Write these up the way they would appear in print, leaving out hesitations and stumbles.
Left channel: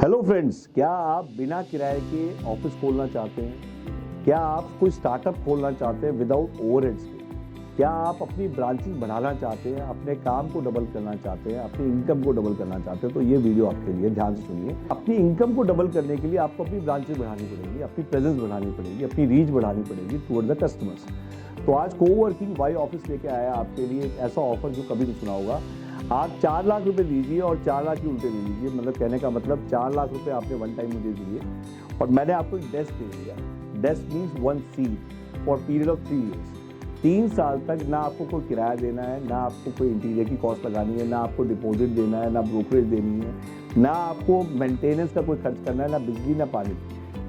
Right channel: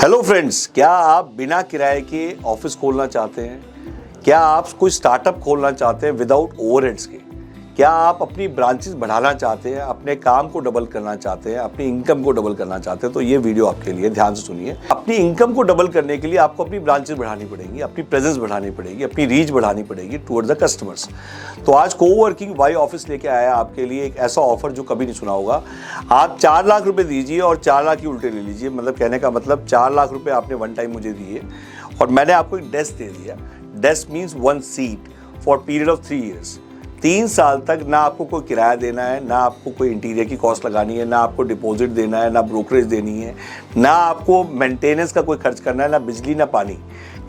Hello friends, क्या आप बिना किराए के ऑफिस खोलना चाहते हैं? क्या आप कोई स्टार्टअप खोलना चाहते हैं विदाउट ओवरहेड्स के? क्या आप अपनी ब्रांचेस बढ़ाना चाहते हैं, अपने काम को डबल करना चाहते हैं, अपनी इनकम को डबल करना चाहते हैं? तो ये वीडियो आपके लिए, ध्यान से सुनिए। अपनी इनकम को डबल करने के लिए आपको अपनी ब्रांचेस बढ़ानी पड़ेंगी, अपनी प्रेजेंस बढ़ानी पड़ेगी, अपनी रीच बढ़ानी पड़ेगी टुवर्ड्स द कस्टमर्स। तो आज कोवर्किंग वाई ऑफिस लेके आया आपके लिए एक ऐसा ऑफर जो कभी नहीं सुना होगा। आप 4 लाख रुपए दीजिए और 4 लाख की उल्टे ले लीजिए। मतलब कहने का मतलब 4 लाख रुपए आपने वन टाइम मुझे दिए और मैंने आपको एक डेस्क दे दिया। Desk means 1 seat for period of 3 years. 3 साल तक ना आपको कोई किराया देना है, ना आपको कोई इंटीरियर की कॉस्ट लगानी है, ना आपको डिपॉजिट देना है, ना ब्रोकरेज देनी है, ना आपको मेंटेनेंस का कोई खर्च करना है, ना बिजली ना पानी।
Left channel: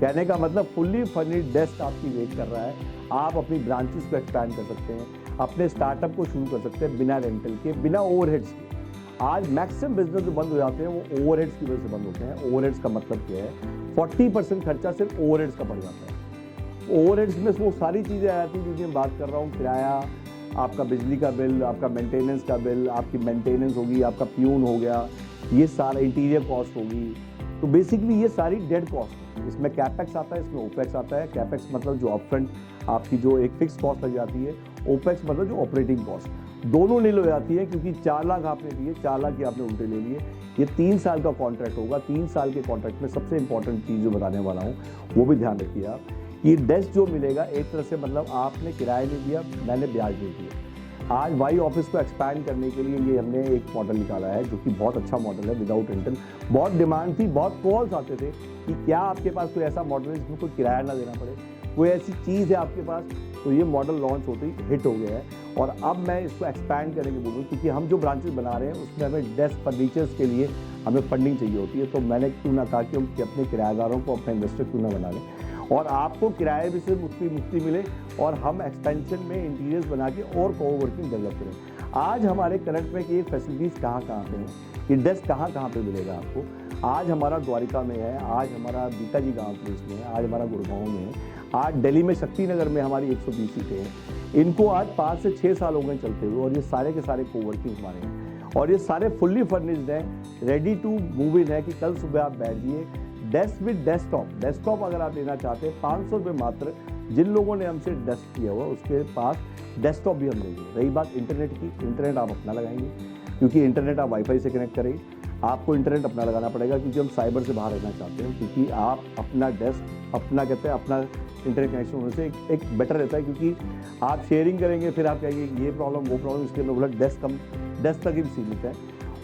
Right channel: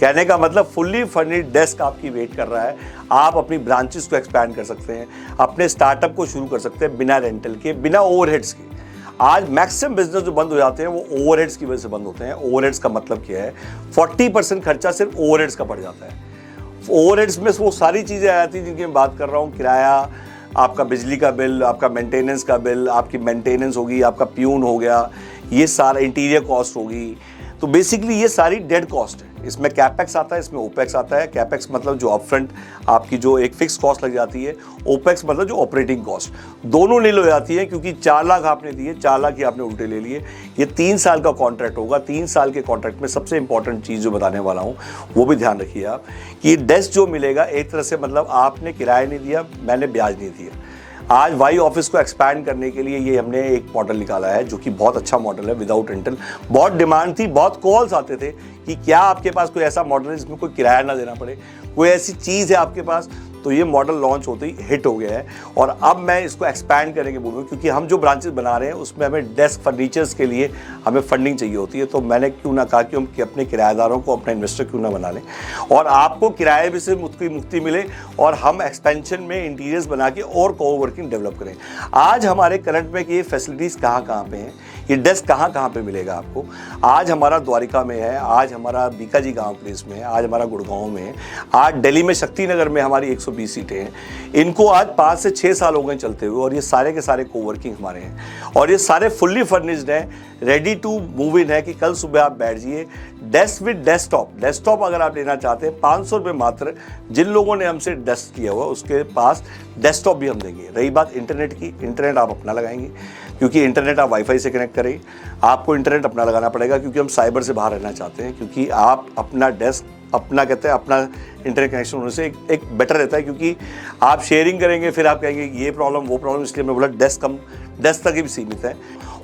कहने का मतलब फुल्ली फर्निश्ड डेस्क आपकी वेट कर रहा है। आप अपनी ब्रांचेस को एक्सपैंड कर सकते हैं, अपने स्टार्टअप को शुरू कर सकते हैं बिना रेंटल के, बिना ओवरहेड्स के। आज मैक्सिमम बिजनेस जो बंद हो जाते हैं वो ओवरहेड्स की वजह से बंद होते हैं। ओवरहेड्स का मतलब क्या है? 40% खर्चा सिर्फ ओवरहेड्स का पड़ जाता है। ओवरहेड्स में वो सारी चीज़ें आ जाती हैं जिनकी मैं बात कर रहा हूँ। किराया, आपका बिजली का बिल, आपका मेंटेनेंस का बिल, आपकी मेंटेनेंस होगी, आपका प्यून हो गया, ये सारा इंटीरियर कॉस्ट होगी। तो बेसिकली ये सारी डेड कॉस्ट है। इसमें कैपेक्स आता है, इसमें ओपेक्स आता है। कैपेक्स मतलब जो अपफ्रंट आपकी जो एक फिक्स कॉस्ट लग जाती है, ओपेक्स मतलब जो ऑपरेटिंग कॉस्ट, दोनों नील हो जाती है। क्योंकि 4 लाख आपने दिए, 4 लाख ही आपने उल्टे ले लिए। ये 3 साल का कॉन्ट्रैक्ट होगा। 3 साल के कॉन्ट्रैक्ट में सबसे इंपॉर्टेंट चीज़ जो बताने वाला हूँ वो भी ध्यान रखिए आप, कि डेस्क जो मिलेगा एक तरह से मतलब आपने किराया नहीं दिया, मैंने ब्याज नहीं दिया। आज वाई ऑफिस को एक्सपैंड करने के लिए ये हमने एक मॉडल निकाला है जो कि बहुत अच्छा मॉडल है, विदाउट रेंटल। बहुत डिमांड थी, बहुत कॉल्स आते थे कि क्या आपके पास कोई ऐसा मॉडल है जिसमें कोई किराया ना देना पड़े, कोई ऐसी चीज़ है आपके पास। तो ये मॉडल लॉन्च होते ही हिट हो गया है और अब मैं इसको एक्सपैंड करने के बोलूँ, क्योंकि हम जो ब्रांचेस बना रहे हैं उसमें हमें डेस्क फर्नीचर्स के लिए हमें फंडिंग चाहिए होती है। तो मैंने क्यों ना कहा कि हम अपने किराएदारों को अपना इन्वेस्टर क्यों ना बना लें और आपको किराए भी से मुक्ति मिले और हम एक्सपेंशन में इंटीरियर्स बना के और कोवर्किंग डेवलप करें। आज हमारे करंट में ये फैसिलिटीज़ कहाँ कहाँ पे हैं, ये डेस्क कहाँ कहाँ पे मिलेगा आपको? आज हमारा द्वारिका में है, आज हमारा बीकाजी गांव प्लेस में है, आज हमारा गुड़गांव में है, आज दिल्ली में शक्तिनगर में हमारी 120 सीटें हैं। इनको आज 5 से 6 साल हो गए चलते हुए और ये सारे के सारे कोवर्किंग हमारे हैं और ये सारे फुल्ली फर्निश्ड हैं, रेडी टू मूव इन है कि कल सुबह आप बैठ जाइए। डेस्क विद डेस्कटॉप अगर आप लेना चाहते हैं 500 रुपये मात्र। जिन लोगों ने हमसे डेस्क किया हुआ उसके पास डेस्कटॉप भी हम देंगे। रही बात इंटरनेट की, इंटरनेट आप अपना लगाएंगे, क्योंकि इंटरनेट आप वाईफाई से कनेक्ट करें। आपको इंटरनेट अपना लगाना पड़ेगा क्योंकि हम साइबर से बाहर रहना चाहते हैं। क्योंकि आप अपना डेस्क अपना कहते हैं अपना इंटरनेट कनेक्शन होने से एक बेटर रहता है, क्योंकि आप शेयरिंग करेंगे फिर आप कहेंगे ये प्रॉब्लम वो प्रॉब्लम। इसलिए मैं बोला डेस्क तक ही सीमित है।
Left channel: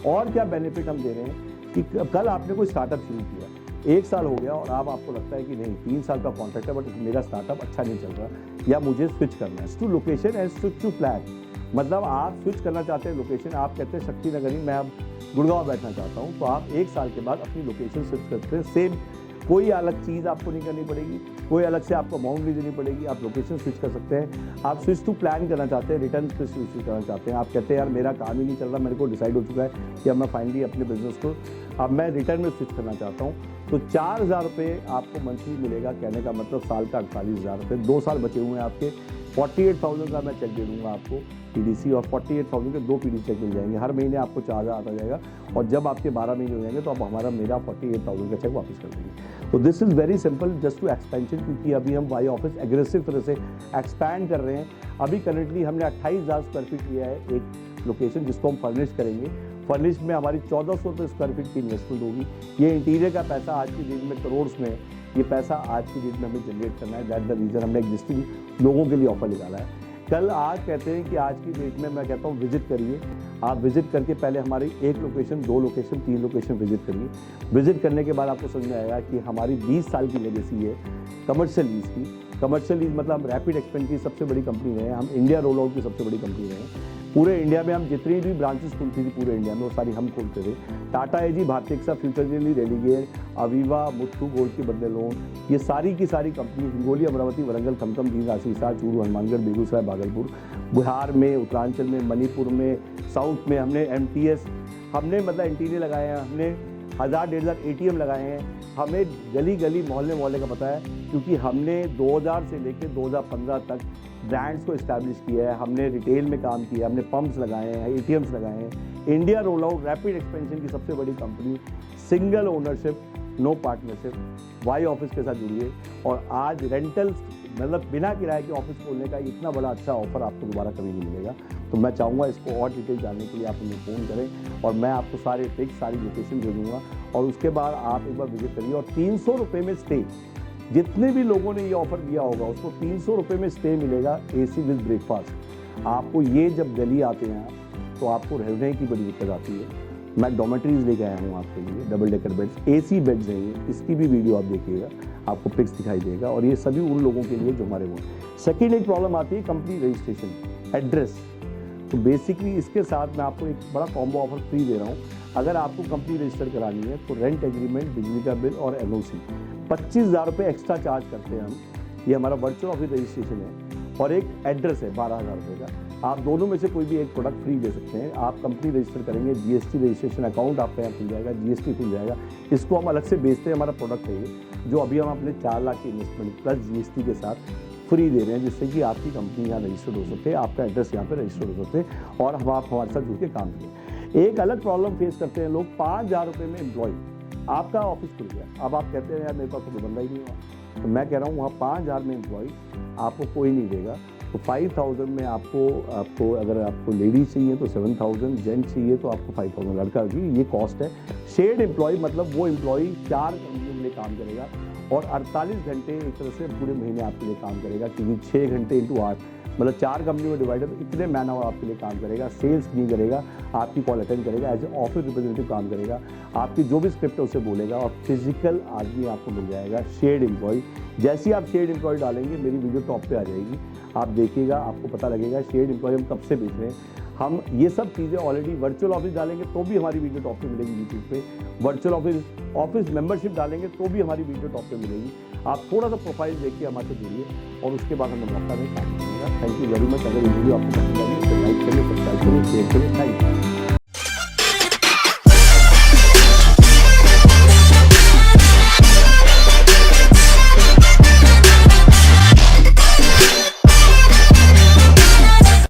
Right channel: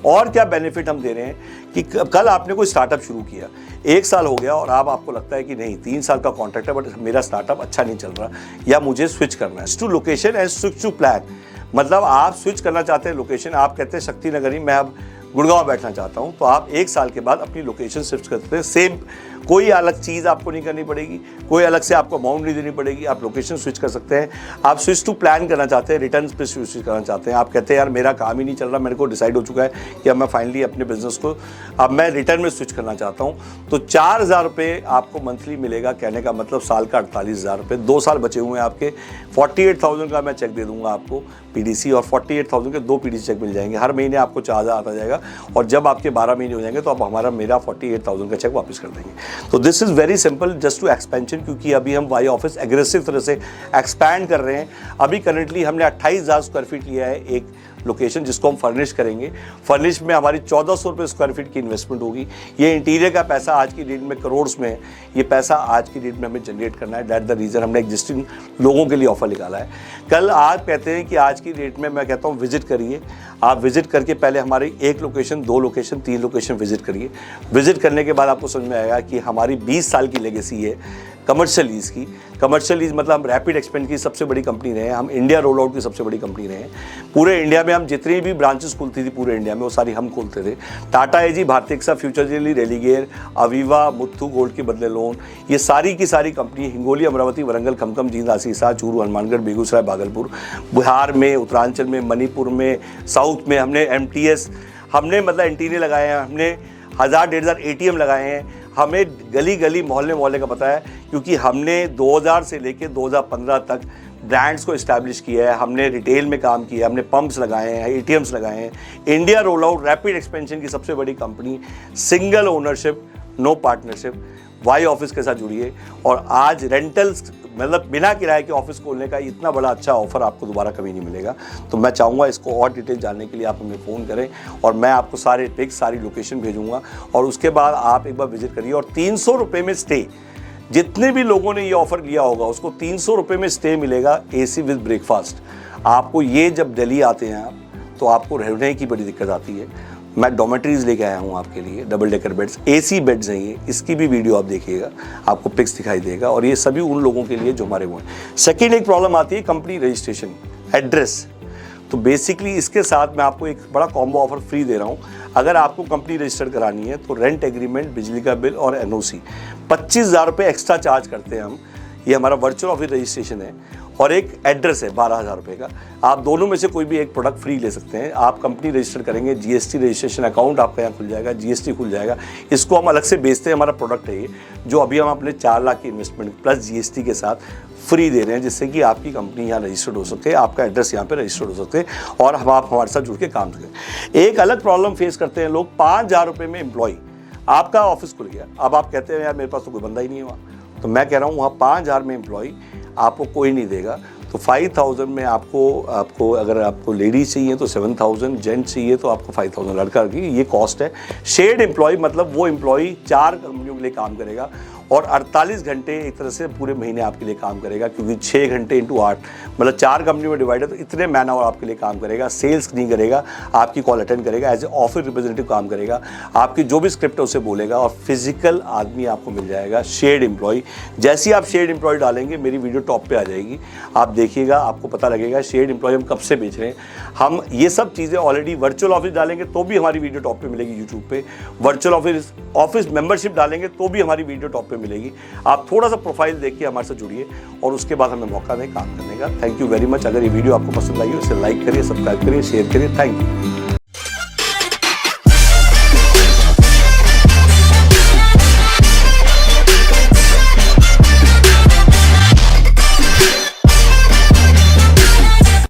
और क्या बेनिफिट हम दे रहे हैं कि कल आपने कोई स्टार्टअप शुरू किया, 1 साल हो गया और अब आपको लगता है कि नहीं 3 साल का कॉन्ट्रैक्ट है बट मेरा स्टार्टअप अच्छा नहीं चल रहा या मुझे स्विच करना है to location and switch to plan. मतलब आप स्विच करना चाहते हैं लोकेशन, आप कहते हैं शक्तिनगर ही मैं अब गुड़गांव बैठना चाहता हूं, तो आप 1 साल के बाद अपनी लोकेशन शिफ्ट करते हैं। सेम कोई अलग चीज़ आपको नहीं करनी पड़ेगी, कोई अलग से आपको अमाउंट नहीं देनी पड़ेगी। आप लोकेशन स्विच कर सकते हैं। आप स्विच टू प्लान करना चाहते हैं, रिटर्न पे स्विच करना चाहते हैं। आप कहते हैं यार मेरा काम ही नहीं चल रहा, मेरे को डिसाइड हो चुका है कि अब मैं फाइनली अपने बिजनेस को अब मैं रिटर्न में स्विच करना चाहता हूँ, तो 4000 रुपये आपको मंथली मिलेगा। कहने का मतलब साल का 48,000 रुपये। 2 साल बचे हुए हैं आपके। 48,000 का मैं चेक दे दूंगा आपको पीडीसी, और 48,000 के 2 पीडीसी चेक मिल जाएंगे। हर महीने आपको 4,000 आता जाएगा और जब आपके 12 महीने हो जाएंगे तो आप मेरा 48,000 का चेक वापस कर देंगे। तो this is very simple just to expansion, क्योंकि अभी हम वाई ऑफिस एग्रेसिव तरह से एक्सपैंड कर रहे हैं। अभी करंटली हमने 28,000 स्क्वायर फीट लिया है एक लोकेशन जिसको हम फर्निश करेंगे। फर्निश में हमारी 1400 रुपये स्क्वायर फीट की इन्वेस्टमेंट होगी। ये इंटीरियर का पैसा आज की डेट में करोड़ में है। ये पैसा आज की डेट में हमें जनरेट करना है। दैट द रीज़न हमने एग्जिस्टिंग लोगों के लिए ऑफर निकाला है। कल आप कहते हैं कि आज की डेट में मैं कहता हूँ विजिट करिए। आप विजिट करके पहले हमारी 1 लोकेशन, 2 लोकेशन, 3 लोकेशन विजिट करिए। विजिट करने के बाद आपको समझ में आएगा कि हमारी 20 साल की लेगेसी है कमर्शियल लीज की। कमर्शियल लीज मतलब हम रैपिड एक्सपेंड की सबसे बड़ी कंपनी रहे हैं, हम इंडिया रोल आउट की सबसे बड़ी कंपनी रहे हैं। पूरे इंडिया में हम जितनी भी ब्रांचेस खुलती थी पूरे इंडिया में वो सारी हम खोलते थे। Tata AG, Bhartiya AXA, future जेली, रेलीगेयर, अवीवा, मुथ्थू गोल्ड के बदले लोन, ये सारी की सारी कंपनी हिंगोली, अमरावती, वरंगल, खमखम, जींद, आसीसा, चूरू, हनुमानगढ़, बेगूसराय, भागलपुर, बिहार में, उत्तरांचल में, मणिपुर में, साउथ में हमने एमटीएस, हमने मतलब इंटीरियर लगाए हैं, हमने 1000-1500 एटीएम लगाए हैं। हमें गली गली मोहल्ले मोहल्ले का पता है, क्योंकि हमने 2000 से लेकर 2015 तक ब्रांड्स को इस्टेब्लिश किया है। हमने रिटेल में काम किया, हमने पंप्स लगाए हैं, एटीएम्स लगाए हैं। India roll out rapid expansion की सबसे बड़ी company, single ownership, no partnership, वाई ऑफिस के साथ जुड़िए और आज रेंटल्स मतलब बिना किराए के ऑफिस खोलने का इतना बड़ा अच्छा ऑफर आपको दोबारा कभी नहीं मिलेगा। तो मैं चाहूँगा इसको और डिटेल जानने के लिए आप हमें फ़ोन करें और मैं आपको सारे पिक्स, सारी लोकेशन भेजूँगा और उसके बाद आप एक बार विजिट करिए। और 300 रुपये में स्टे, जितने भी लोगों ने ये ऑफ़र लिया होगा उसको 300 रुपये में स्टे मिलेगा, AC विद ब्रेकफास्ट। आपको ये जब दिल्ली आते हैं आप तो आपको रहने की बड़ी दिक्कत आती है। मैं डॉमेट्रीज लेके आया हूँ आपके लिए, double decker beds, AC beds हैं ये, इसकी भी वीडियो आप देखिएगा, आपको पिक्स दिखाई देगा। और ये सभी उन लोगों के लिए जो हमारे वो हैं। सेकेंड एक प्रॉब्लम आती है कंपनी रजिस्ट्रेशन, एड्रेस। तो बेसिकली इसके साथ मैं आपको एक बड़ा कॉम्बो ऑफर फ्री दे रहा हूँ। अगर आपको कंपनी रजिस्टर करानी है तो रेंट एग्रीमेंट, बिजली का बिल और NOC 25,000 रुपये एक्स्ट्रा चार्ज करते हैं हम। ये हमारा वर्चुअल ऑफिस रजिस्ट्रेशन है और एक एड्रेस है 12,000 रुपये का। आप दोनों में से कोई भी एक प्रोडक्ट फ्री ले सकते हैं। आप कंपनी रजिस्टर करेंगे, GST रजिस्ट्रेशन अकाउंट आपका यहाँ खुल जाएगा, GST खुल जाएगा। इसको हम अलग से बेचते हैं, हमारा प्रोडक्ट है ये, जो अभी हम अपने 4 लाख की इन्वेस्टमेंट प्लस GST के साथ फ्री दे रहे हैं, जिससे कि आपकी कंपनी यहाँ रजिस्टर्ड हो सकते हैं, आपका एड्रेस यहाँ पे रजिस्टर्ड हो सकते हैं और आप हमारे साथ जुड़ के काम करें। एक अलग प्रॉब्लम फेस करते हैं लोग, 5,000 रुपये में एम्प्लॉय, आपका ऑफिस खुल गया, अब आप कहते हैं यार मेरे पास तो कोई बंदा ही नहीं हुआ। तो मैं कह रहा हूँ वहाँ 5,000 में एम्प्लॉय आपको कोई नहीं देगा। तो 5,000 में आपको अगर आपको लेडीज चाहिए तो 7,000, जेंट्स चाहिए तो आपको 5,000 लड़का की ये कॉस्ट है। शेयर्ड एम्प्लॉय मतलब वो एम्प्लॉय 4 कंपनियों के लिए काम करेगा और 48 घंटे एक तरह से पूरे महीने आपके लिए काम करेगा, क्योंकि 6 घंटे इंटू 8 मतलब 4 कंपनियों में डिवाइड है, तो इतने मैन आवर आपके लिए काम करेगा। सेल्स नहीं करेगा, आपकी कॉल अटेंड करेगा, एज ए ऑफिस रिप्रेजेंटेटिव काम करेगा, आपकी जो भी स्क्रिप्ट है उसे बोलेगा और फिजिकल आदमी आपको मिल जाएगा, शेयर्ड एम्प्लॉय। जैसे ही आप शेयर्ड एम्प्लॉय डालेंगे मेरी वीडियो टॉप पे आ जाएगी, आप देखिएगा, आपको पता लगेगा शेयर्ड एम्प्लॉय हम कब से बेच रहे हैं। हम ये सब चीज़ें ऑलरेडी वर्चुअल ऑफिस डालेंगे तो भी हमारी वीडियो टॉप पे मिलेगी यूट्यूब पे, वर्चुअल ऑफिस मेंबरशिप डालेंगे तो भी हमारी वीडियो टॉप पे मिलेगी। आप थोड़ा सा प्रोफाइल देख के हमारे साथ जुड़िए और उसके बाद हमें मौका दें काम करने का। Thank you very much. अगर ये वीडियो आपको पसंद आई हो इसे लाइक करिए, सब्सक्राइब करिए, शेयर करिए। Thank you.